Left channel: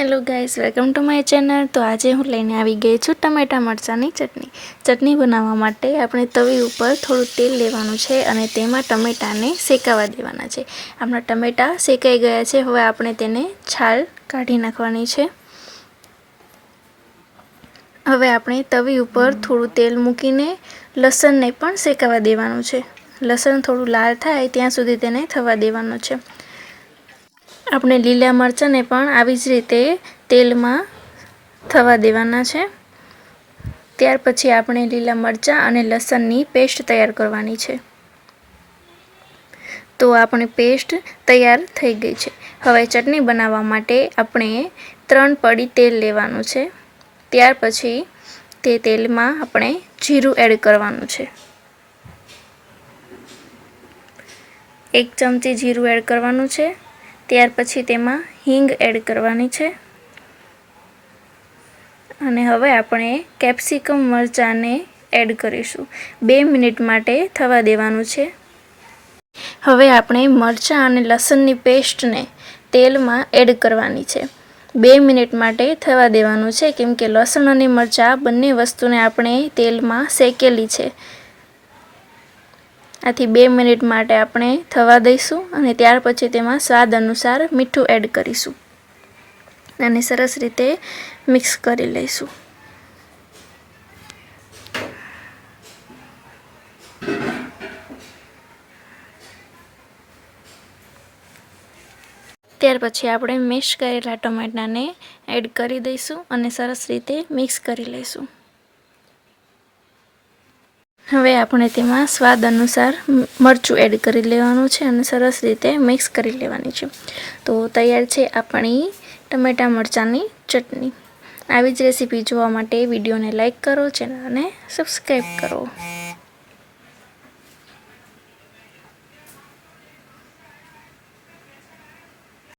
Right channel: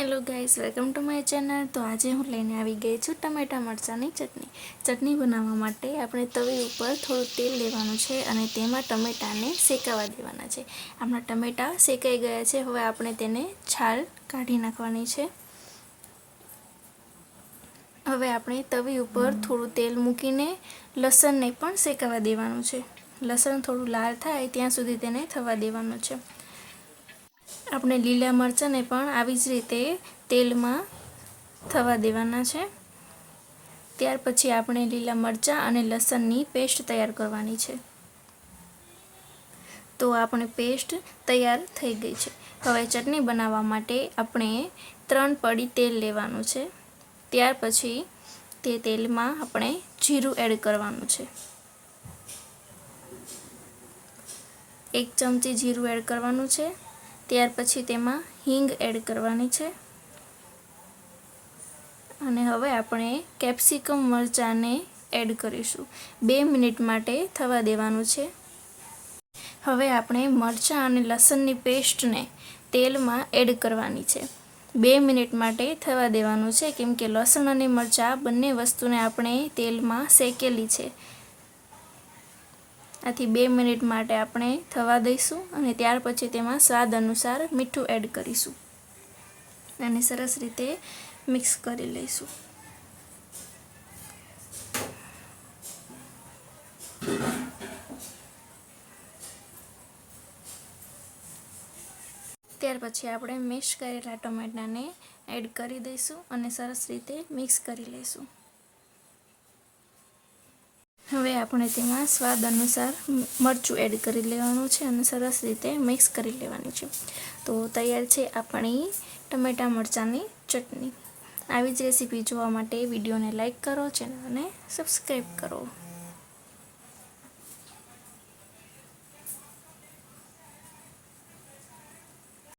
Hello guys, welcome to my channel. तो आज हूँ लईने आवी गई छुं टमेटा मरचानी चटनी बनाववा माटे आपणे तवी उपर थोड़ुं तेल लेवानुं छे अने तेमां टमेटाने शेकावा देवाना छे। आपणा टमेटा शेकाई गया छे। हवे आपणे तेने छाल काढी नाखवानी छे। हवे आपणे तवी उपर थोड़ुं तेल मूकीने लसणने पण शेकावा देवानुं छे। लसण थोड़ुं लाल थाय त्यां सुधी तेने थवा देवानुं छे। આપણે લીલા મરચાંને પણ આવી જ રીતે તેલમાં થવા દેવાના છે। ત્યાર પછી આપણે લીલા મરચાં અને લસણની પેસ્ટ તૈયાર કરવાની છે। તો આપણી પેસ્ટ તૈયાર થઈ ગઈ છે। હવે ચટણી બનાવવા માટે આપણે 3 પડી તેલ લેવાનું છે। ત્યાર પછી તે તેલમાં આપણે જીરું એડ કરવાનું છે। 1 ચમચી જીરું એડ કરવાનું છે। ત્યાર પછી તેમાં હિંગ એડ કરવાની છે અને હવે આપણે કેપ્સિકમ મરચાંને એડ કરીશું। 2 મિનિટ માટે થવા દેવાનું છે। હવે આપણે મરચાં અને લસણની પેસ્ટને તેલમાં એડ કરવાની છે। 2 મિનિટ માટે થવા દેવાનું છે કેમ કે લસણ અને મરચાં બંને વસ્તુને આપણે તેલમાં શેકેલી છે। આથી 2 મિનિટ માટે આપણે થવા દઈશું અને ત્યાર પછી તેમાં સ્વાદ અનુસાર મીઠું એડ કરીશું અને સરસ રીતે મિક્સ કરી લઈશું। ત્યાર પછી આપણે મેશ કરેલા ટમેટાને એડ કરી દઈશું અને સરસ રીતે મિક્સ કરી લઈશું। હવે આપણે તેમાં સ્વાદ અનુસાર મરચું એડ કરી લેવાનું છે અને સરસ રીતે મિક્સ કરી લેવાની છે। તો તૈયાર છે આપણી ટમેટા મરચાંની ચટણી। આવી જ રેસીપી જોવા માટે વિડીયોને લાઈક કરો, ચેનલને સબસ્ક્રાઈબ કરો।